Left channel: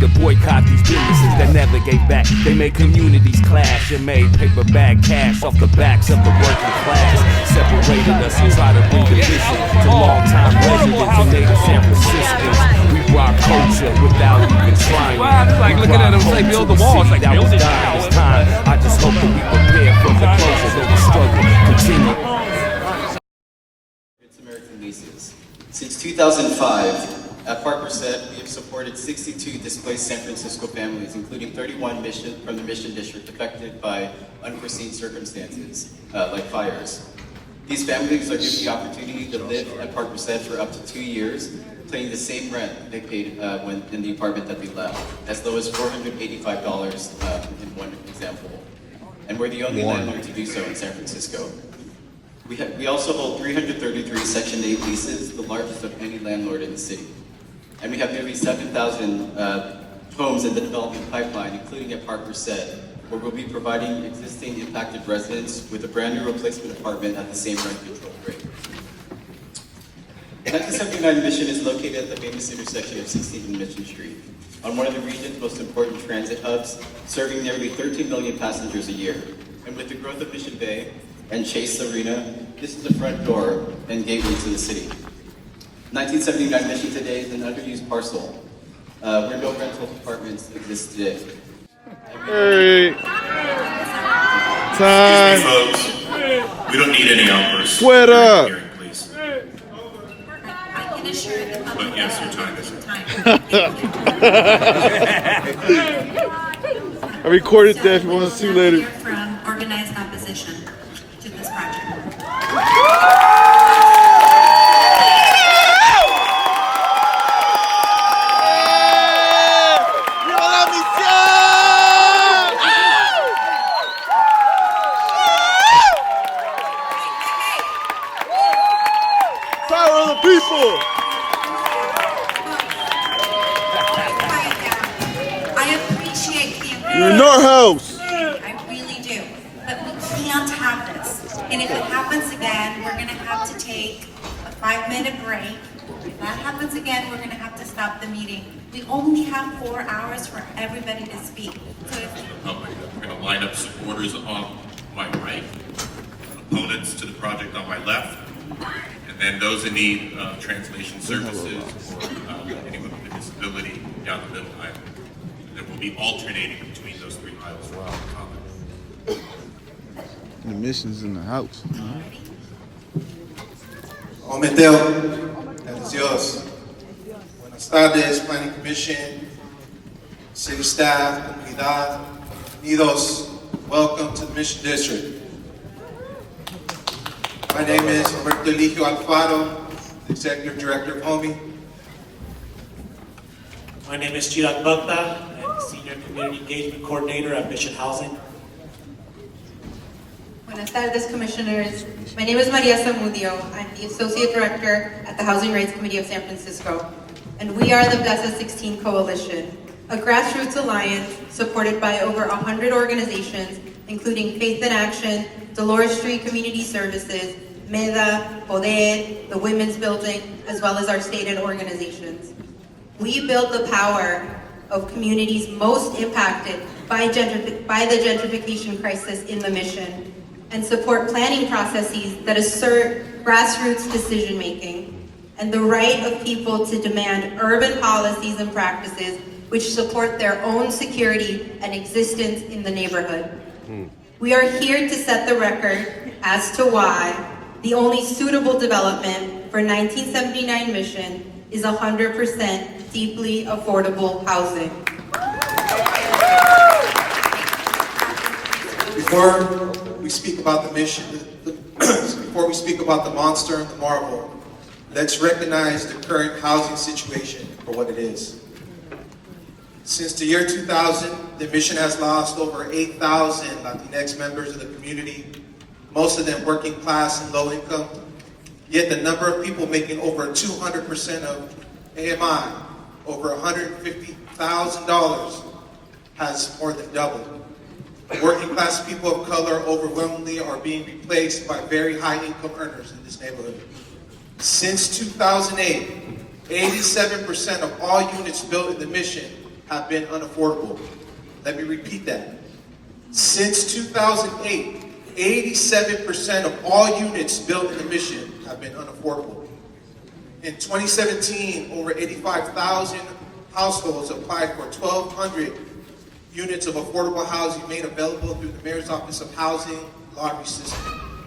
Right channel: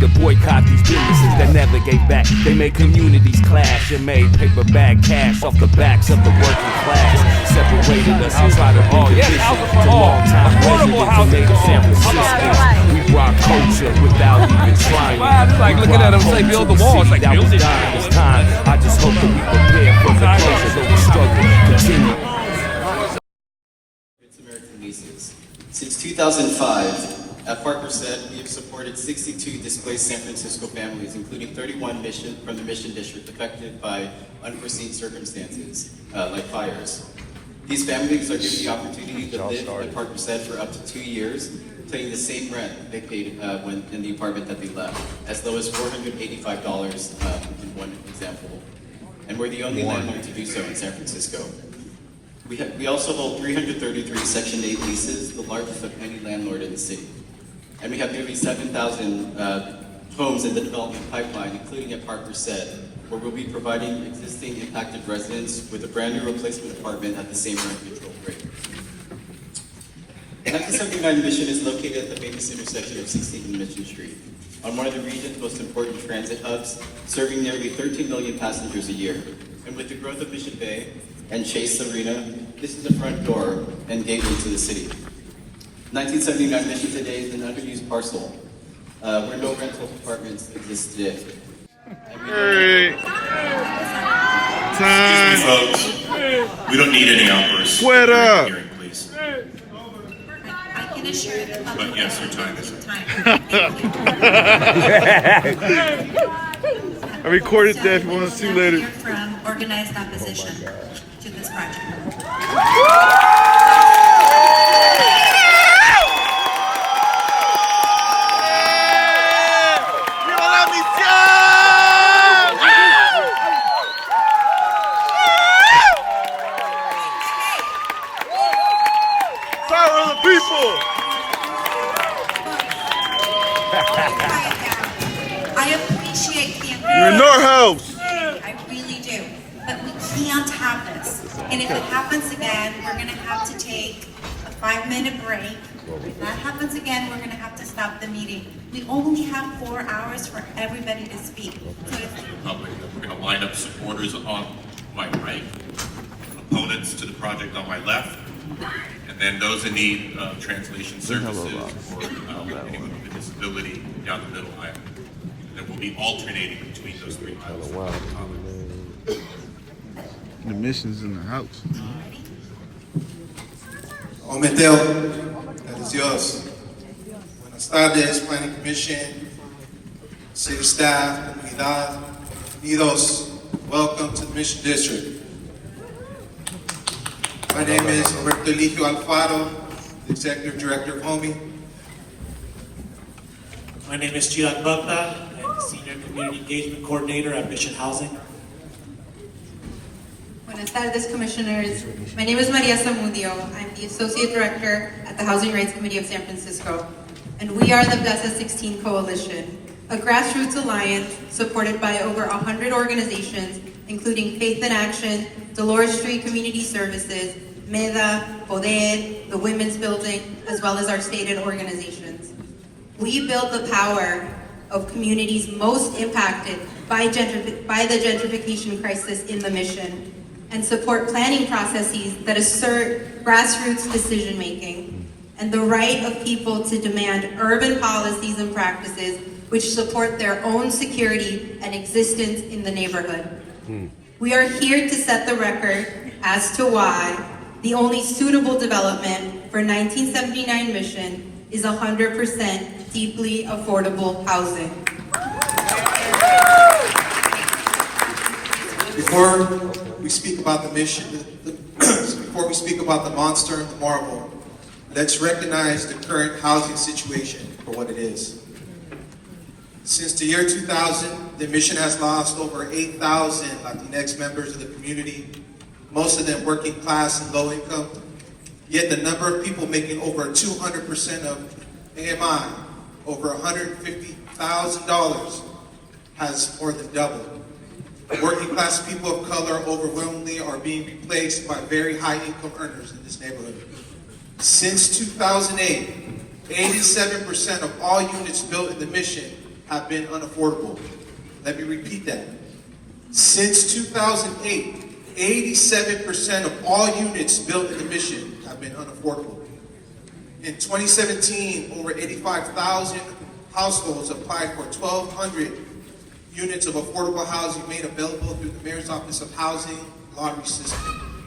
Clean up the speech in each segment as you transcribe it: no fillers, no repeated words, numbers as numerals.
to boycott these businesses that never gave back. They made communities clash and made paper bag cash off the backs of the working class. Separated us and tried to bring division to longtime residents and native San Franciscans. We brought culture without even trying. Like looking at him say, build the wall. It's like, that was dying. It's time. I just hope that we prepare for the closure, though the struggle continue. American leases. Since 2005, at Park Merced, we have supported 62 displaced San Francisco families, including 31 from the Mission District affected by unforeseen circumstances, like fires. These families are given the opportunity to live at Park Merced for up to 2 years, paying the same rent they paid in the apartment that they left, as low as $485 in one example. And we're the only landlord to do so in San Francisco. We also hold 333 Section 8 leases, the largest of any landlord in the city. And we have nearly 7,000 homes in the development pipeline, including at Park Merced, where we'll be providing existing impacted residents with a brand new replacement apartment at the same rent control rate. 1979 Mission is located at the famous intersection of 16th and Mission Street, on one of the region's most important transit hubs, serving nearly 13 million passengers a year. And with the growth of Mission Bay and Chase Arena, this is the front door and gateway to the city. 1979 Mission today is an underused parcel where no rental apartments exist today. Hey. Time. Excuse me, folks. We don't need any outbursts. What up? Here, please. I can assure you that But yes, your time is I recorded that if you want to see later. From organized opposition to this project. Power of the people! I appreciate the You're in our house! I really do. But we can't have this. And if it happens again, we're going to have to take a 5-minute break. If that happens again, we're going to have to stop the meeting. We only have 4 hours for everybody to speak. So We're going to line up supporters on my right, opponents to the project on my left, and then those in need of translation services or anyone with a disability down the middle aisle. And we'll be alternating between those 3 aisles. The mission's in the house. Ometeo, Dios. Buenas tardes, Planning Commission, City staff, comunidad, unidos. Welcome to the Mission District. My name is Humberto Eligio Alfaro, Executive Director of HOMI. My name is Chirag Bhakta. I'm the Senior Community Engagement Coordinator at Mission Housing. Buenas tardes, Commissioners. My name is Maria Zamudio. I'm the Associate Director at the Housing Rights Committee of San Francisco. And we are the Plaza 16 Coalition, a grassroots alliance supported by over 100 organizations, including Faith in Action, Dolores Street Community Services, MEDA, Poder, the Women's Building, as well as our stated organizations. We build the power of communities most impacted by the gentrification crisis in the Mission, and support planning processes that assert grassroots decision-making and the right of people to demand urban policies and practices which support their own security and existence in the neighborhood. We are here to set the record as to why the only suitable development for 1979 Mission is 100% deeply affordable housing. Before we speak about the mission, before we speak about the monster and the marvel, let's recognize the current housing situation for what it is. Since the year 2000, the Mission has lost over 8,000 Latinx members of the community, most of them working class and low income. Yet the number of people making over 200% of AMI, over $150,000, has more than doubled. Working class people of color overwhelmingly are being replaced by very high income earners in this neighborhood. Since 2008, 87% of all units built in the Mission have been unaffordable. Let me repeat that. Since 2008, 87% of all units built in the Mission have been unaffordable. In 2017, over 85,000 households applied for 1,200 units of affordable housing made available through the Mayor's Office of Housing lottery system.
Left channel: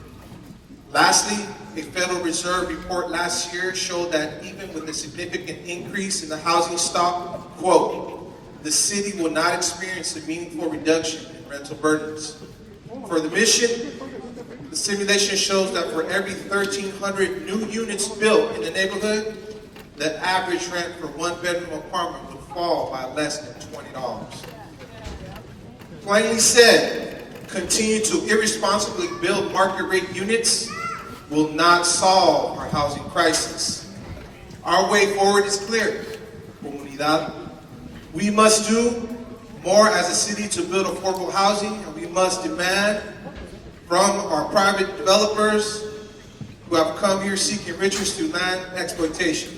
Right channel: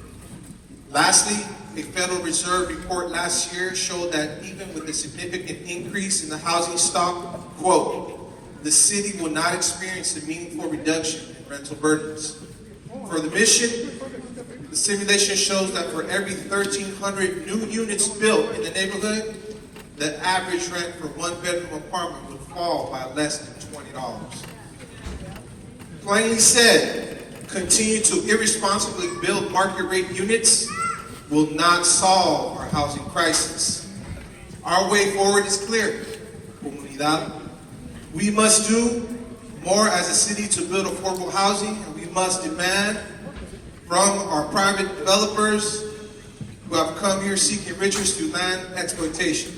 Lastly, a Federal Reserve report last year showed that even with a significant increase in the housing stock, quote, the city will not experience a meaningful reduction in rental burdens. For the Mission, the simulation shows that for every 1,300 new units built in the neighborhood, the average rent for one-bedroom apartment would fall by less than $20. Plainly said, continue to irresponsibly build market-rate units will not solve our housing crisis. Our way forward is clear. Comunidad. We must do more as a city to build affordable housing, and we must demand from our private developers who have come here seeking riches through land exploitation.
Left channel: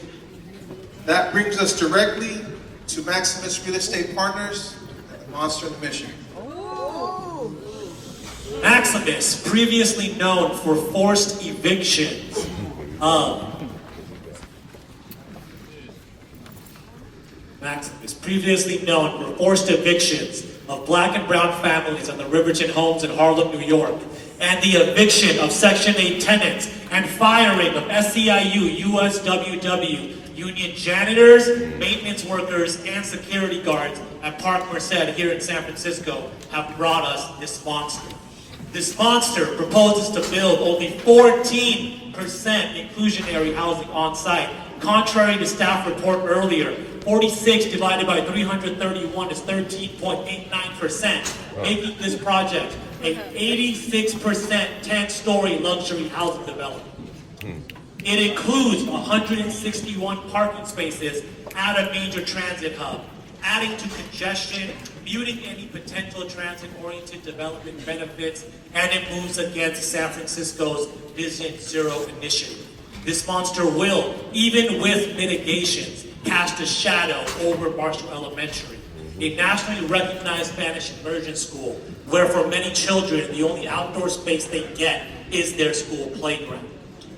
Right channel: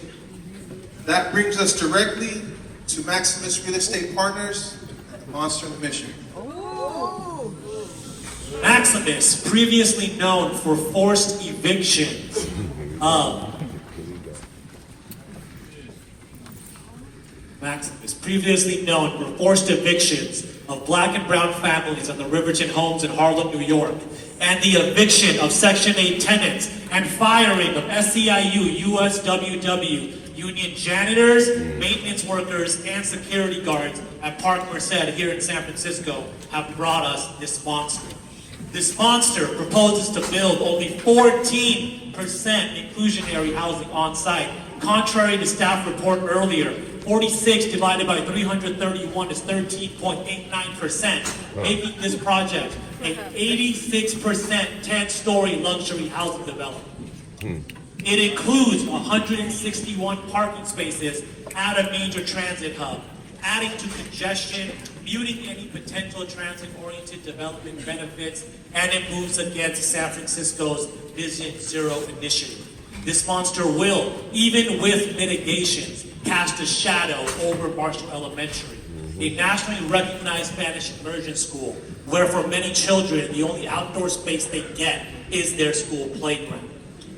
That brings us directly to Maximus Real Estate Partners and the Monster of the Mission. Maximus, previously known for forced eviction of Black and brown families on the Riverton Homes in Harlem, New York, and the eviction of Section 8 tenants and firing of SEIU, USWW, union janitors, maintenance workers, and security guards at Park Merced here in San Francisco have brought us this monster. This monster proposes to build only 14% inclusionary housing on site. Contrary to staff report earlier, 46 divided by 331 is 13.89%, making this project an 86% 10-story luxury housing development. It includes 161 parking spaces at a major transit hub, adding to congestion, muting any potential transit-oriented development benefits, and it moves against San Francisco's Vision Zero initiative. This monster will, even with mitigations, cast a shadow over Marshall Elementary, a nationally recognized Spanish immersion school, where for many children, the only outdoor space they get is their school playground.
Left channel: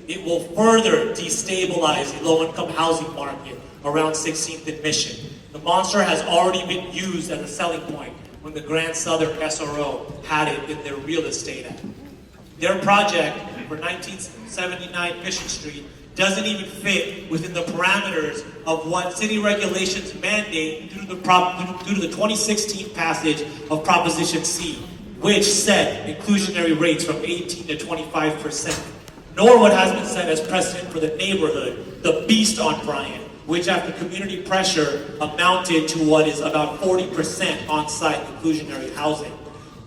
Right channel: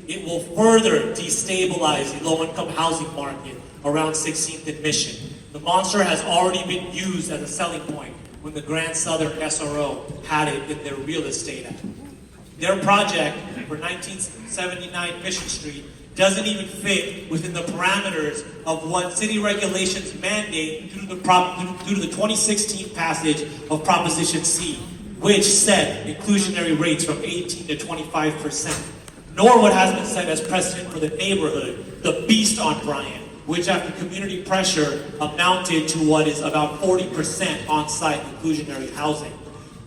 It will further destabilize the low-income housing market around 16th and Mission. The monster has already been used as a selling point when the Grand Southern SRO had it in their real estate act. Their project for 1979 Mission Street doesn't even fit within the parameters of what city regulations mandate due to the 2016 passage of Proposition C, which set inclusionary rates from 18 to 25%, nor what has been set as precedent for the neighborhood, the Beast on Bryant, which after community pressure amounted to what is about 40% on-site inclusionary housing.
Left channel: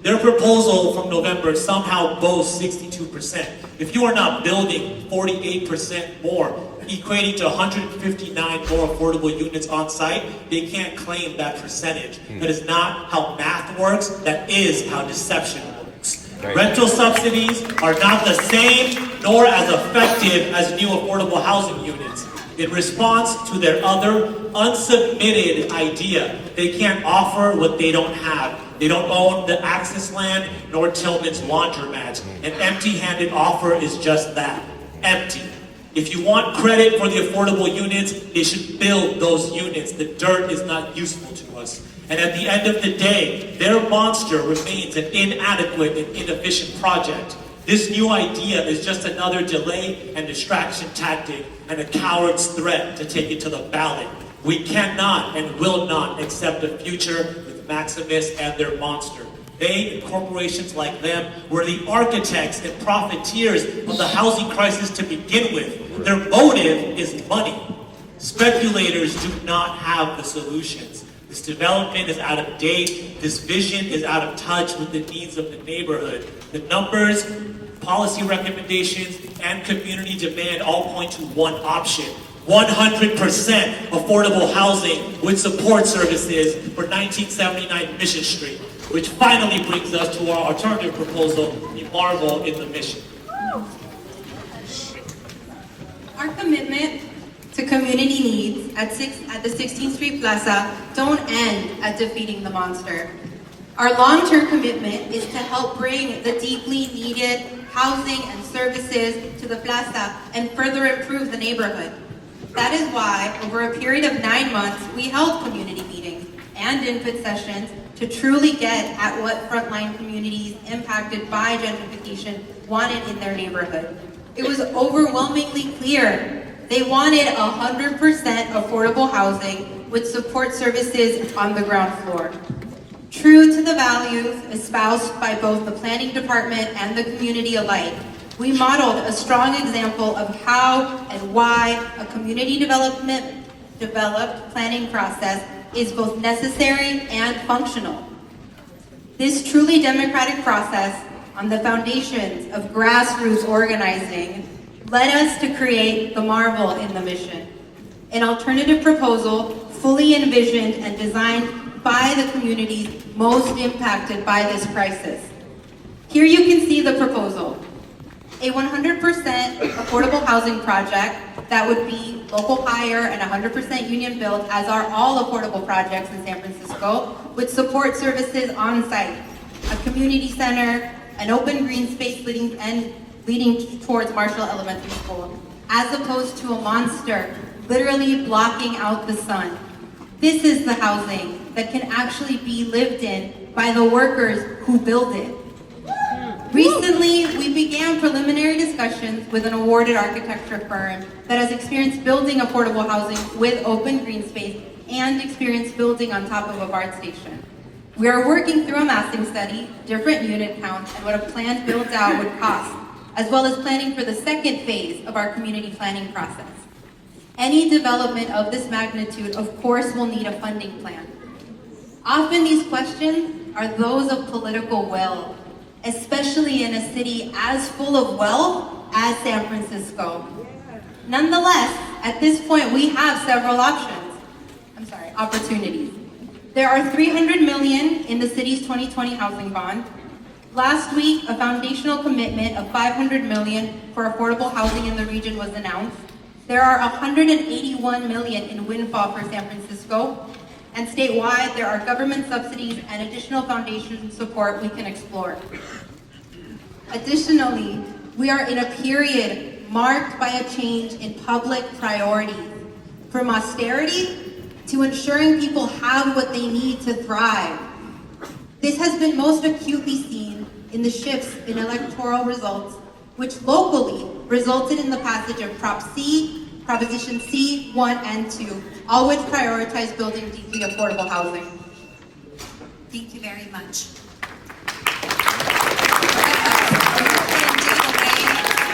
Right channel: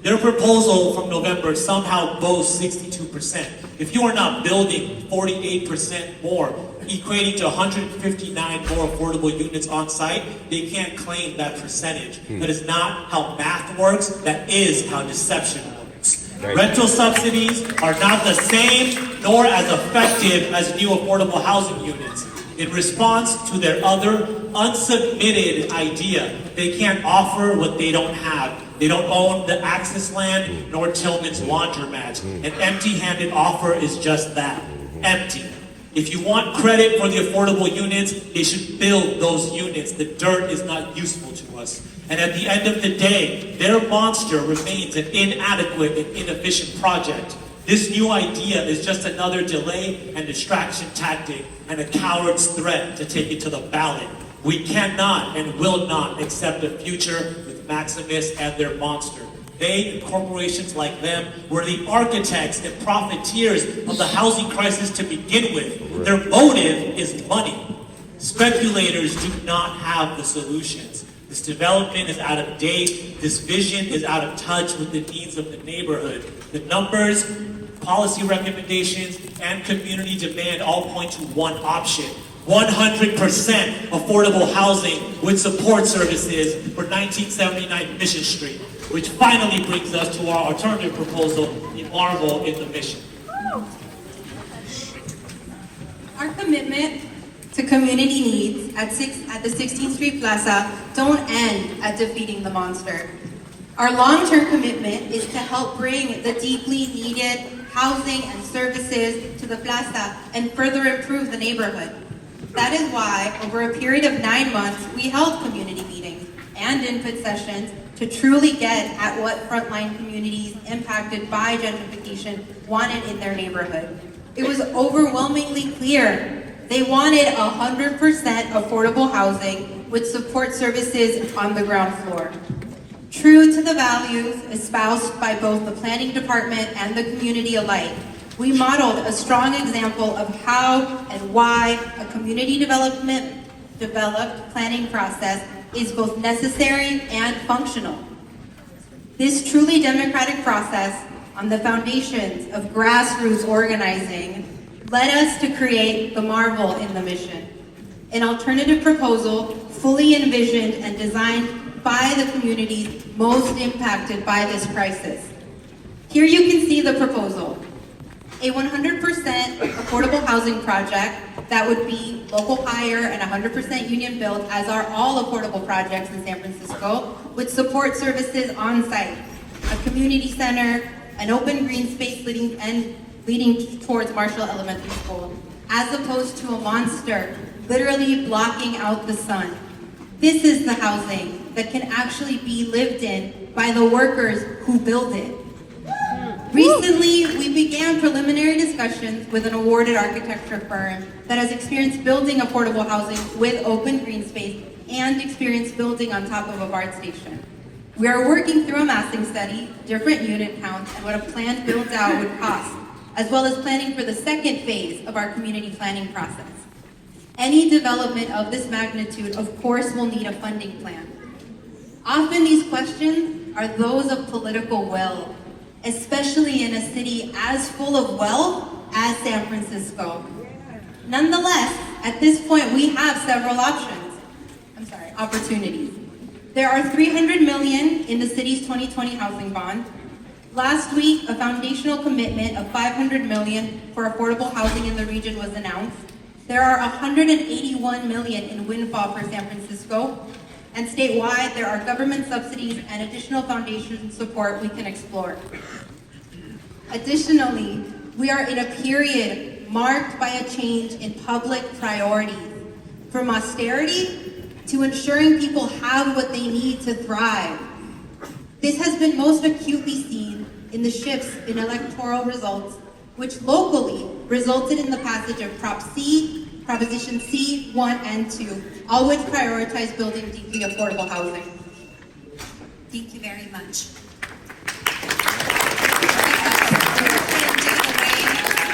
Their proposal from November somehow boasts 62%. If you are not building 48% more, equating to 159 more affordable units on site, they can't claim that percentage. That is not how math works, that is how deception works. Rental subsidies are not the same nor as effective as new affordable housing units. In response to their other unsubmitted idea, they can't offer what they don't have. They don't own the access land nor Tillman's laundromat. An empty-handed offer is just that, empty. If you want credit for the affordable units, they should build those units. The dirt is not useful to us. And at the end of the day, their monster remains an inadequate and inefficient project. This new idea is just another delay and distraction tactic and a coward's threat to take it to the ballot. We cannot and will not accept a future with Maximus and their monster. They and corporations like them were the architects and profiteers of the housing crisis to begin with. Their motive is money. Speculators do not have the solutions. This development is out of date. This vision is out of touch with the needs of the neighborhood. The numbers, policy recommendations, and community demand all point to one option: 100% affordable housing with support services for 1979 Mission Street, which finally brings us to our alternative proposal, the marvel in the Mission. Our commitment to community needs at the 16th Street Plaza don't end at defeating the monster. Our long-term commitment is to help bring the deeply needed housing and services to the plaza and further improve the neighborhood. That is why, over a period of 9 months, we held community meetings and input sessions to truly get at what frontline communities impacted by gentrification wanted in their neighborhood. It was overwhelmingly clear they wanted 100% affordable housing with support services on the ground floor. True to the values espoused by both the planning department and the community alike, we modeled a strong example of how and why a community developed planning process is both necessary and functional. This truly democratic process on the foundations of grassroots organizing led us to create the marvel in the mission, an alternative proposal fully envisioned and designed by the communities most impacted by this crisis. Here you can see the proposal. A 100% affordable housing project that would be local hire and 100% union built, as are all affordable projects in San Francisco, with support services on site, a community center, an open green space leading towards Marshall Elementary School, as opposed to a monster literally blocking out the sun. This is the housing that can actually be lived in by the workers who build it. Recently, we began preliminary discussions with an awarded architecture firm that has experience building affordable housing with open green space and experience building on top of a BART station. We are working through a massing study, different unit counts, and what a planned build-out would cost, as well as planning for the second phase of our community planning process. Any development of this magnitude, of course, will need a funding plan. Often these questions are those of political will, especially in a city as full of wealth as San Francisco. Nonetheless, at this point, we have several opportunities. There are $300 million in the city's 2020 housing bond. Last week, a foundational commitment of $500 million for affordable housing in the region was announced. There are $181 million in windfall for San Francisco, and statewide, there are government subsidies and additional foundation support we can explore. Additionally, we are in a period marked by a change in public priorities, from austerity to ensuring people have what they need to thrive. This has been most acutely seen in the shifts in electoral results, which locally resulted in the passage of Proposition C, 1 and 2, all which prioritize building deeply affordable housing. Thank you very much.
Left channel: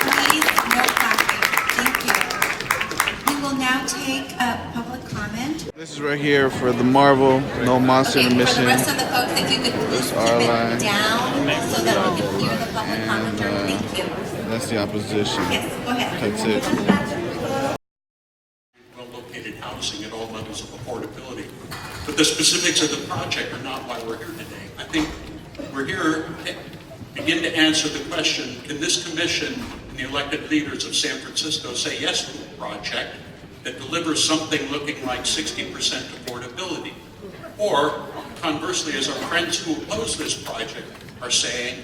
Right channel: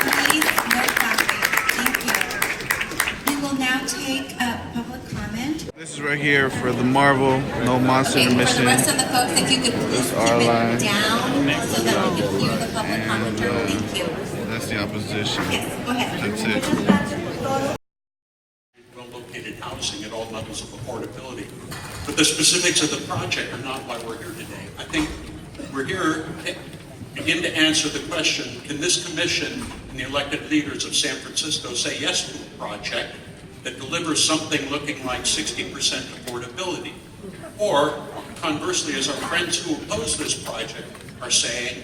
Please, no clapping. Thank you. We will now take a public comment. This is right here for the Marvel, no monster in the mission. For the rest of the folks, if you could please keep our it line. down so that we can hear the public And commentary. Thank you. that's the opposition. Yes, go ahead. That's it. Well-located housing at all levels of affordability. But the specifics of the project are not why we're here today. I think we're here to begin to answer the question, can this commission and the elected leaders of San Francisco say yes to a project that delivers something looking like 60% affordability? Or, conversely, as our friends who oppose this project are saying,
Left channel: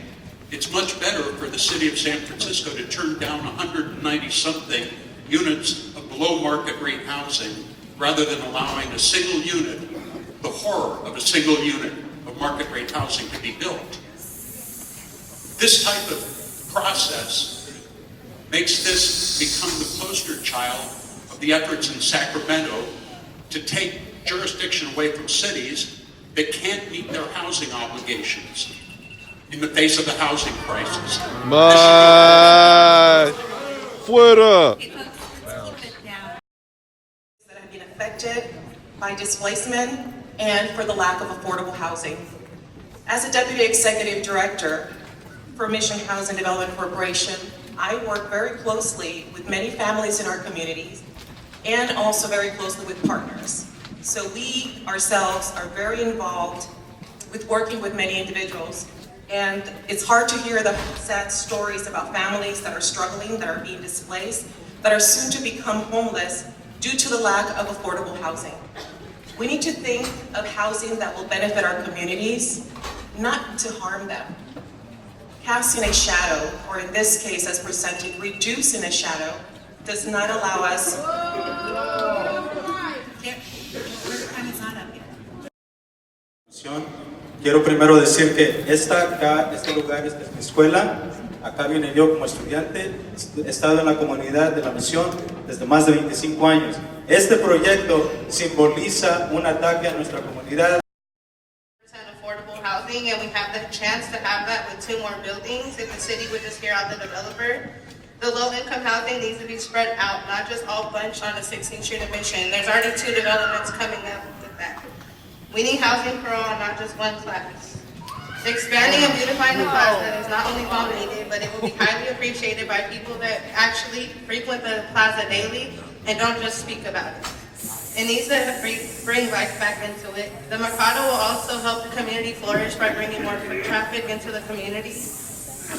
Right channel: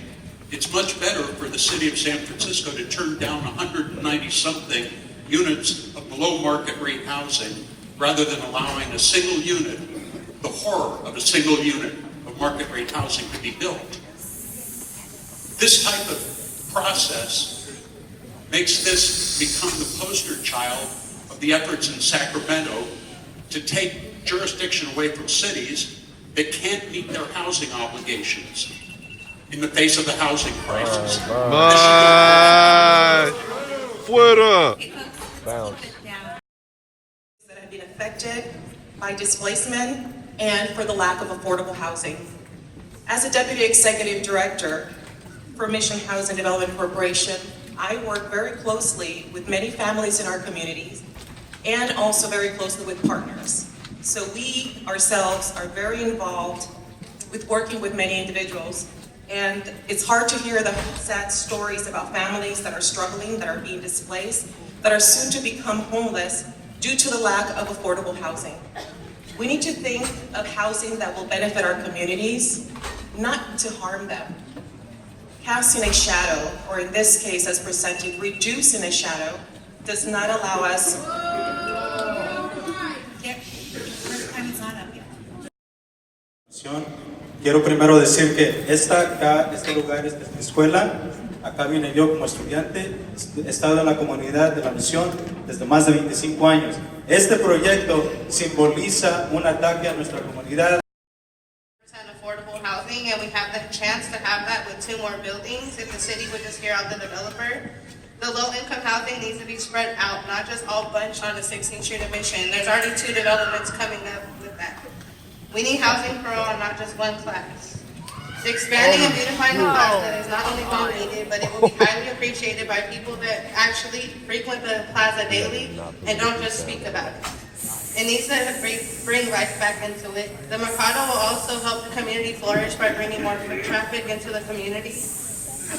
it's much better for the city of San Francisco to turn down 190-something units of below market rate housing rather than allowing a single unit, the horror of a single unit of market rate housing to be built. This type of process makes this become the poster child of the efforts in Sacramento to take jurisdiction away from cities that can't meet their housing obligations in the face of the housing crisis. Bye. Fuera. Okay, folks, let's keep it down. That have been affected by displacement and for the lack of affordable housing. As a Deputy Executive Director for Mission Housing Development Corporation, I work very closely with many families in our communities and also very closely with partners. So we ourselves are very involved with working with many individuals. And it's hard to hear the sad stories about families that are struggling, that are being displaced, that are soon to become homeless, due to the lack of affordable housing. We need to think of housing that will benefit our communities, not to harm them. Casting a shadow, or in this case as presented, reducing a shadow, does not allow us. Quiero primero decir que este lugar es mi escuela. Acá vine yo como estudiante. He estado en la comunidad de la misión desde más de 25 años. Este proyecto simboliza un ataque a nuestra comunidad. Affordable housing, and we have the chance to have that with 2 more buildings if the city would just hear out the developer. The low-income housing needs to be spread out, not just all bunched on the 16th Street of Mission. There's already 2 developments coming up with that. We need housing for all, not just one class. Expanding and beautifying the plaza is not only well needed, but it will be highly appreciated by people that actually frequent the plaza daily and don't just speak about it. It needs to bring life back into it. The Mercado will also help the community flourish by bringing more foot traffic into the community.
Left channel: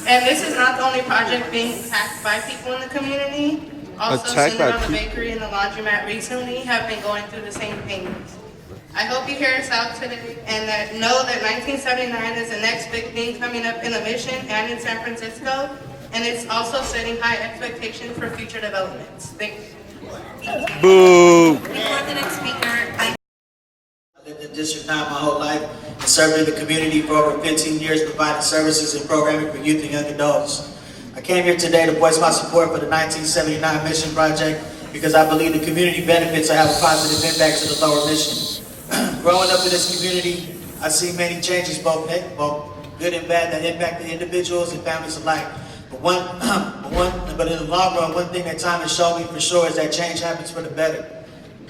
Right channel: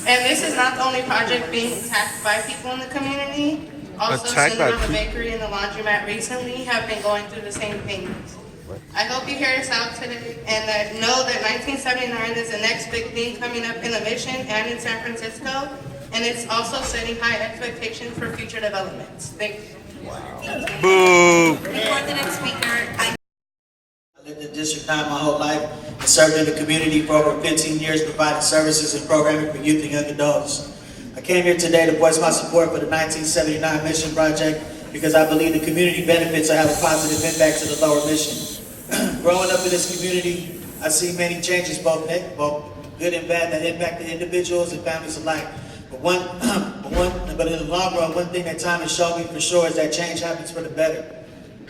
And this is not the only project being attacked by people in the community. Also, Cinnamon, the bakery and the laundromat recently have been going through the same thing. I hope you hear us out today and that know that 1979 is the next big thing coming up in the Mission and in San Francisco. And it's also setting high expectations for future developments. Thank you. Boo! I lived in district 9 my whole life and served in the community for over 15 years, providing services and programming for youth and young adults. I came here today to voice my support for the 1979 Mission Project because I believe the community benefits will have a positive impact to the lower mission. Growing up in this community, I see many changes, both good and bad, that impact the individuals and families alike. But in the long run, one thing that time has shown me for sure is that change happens for the better.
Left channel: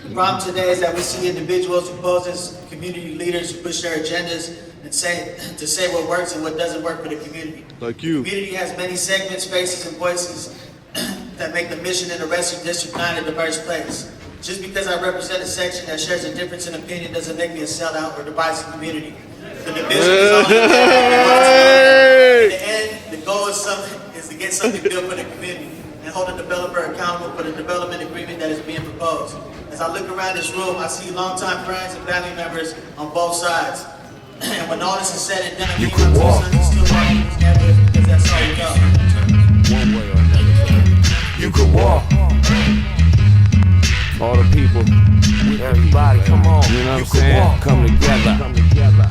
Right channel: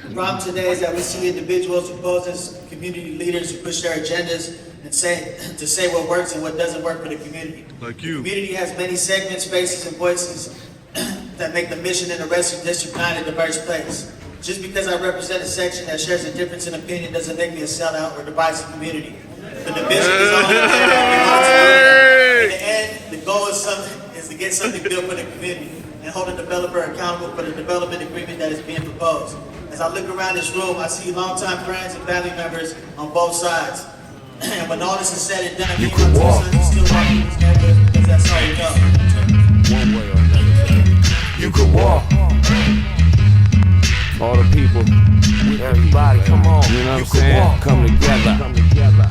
The problem today is that we see individuals who pose as community leaders who push their agendas and say what works and what doesn't work for the community. Like you. The community has many segments, faces, and voices that make the mission in the rest of District 9 a diverse place. Just because I represent a section that shares a difference in opinion doesn't make me a sellout or divisive community. The division is only in the end, the goal is to get something built for the community and hold the developer accountable for the development agreement that is being proposed. As I look around this room, I see longtime friends and family members on both sides. And when all this is said and done, you can walk. Because that's all we know. One way or another. You can walk. All the people, everybody, come on. You know what I'm saying? Come together.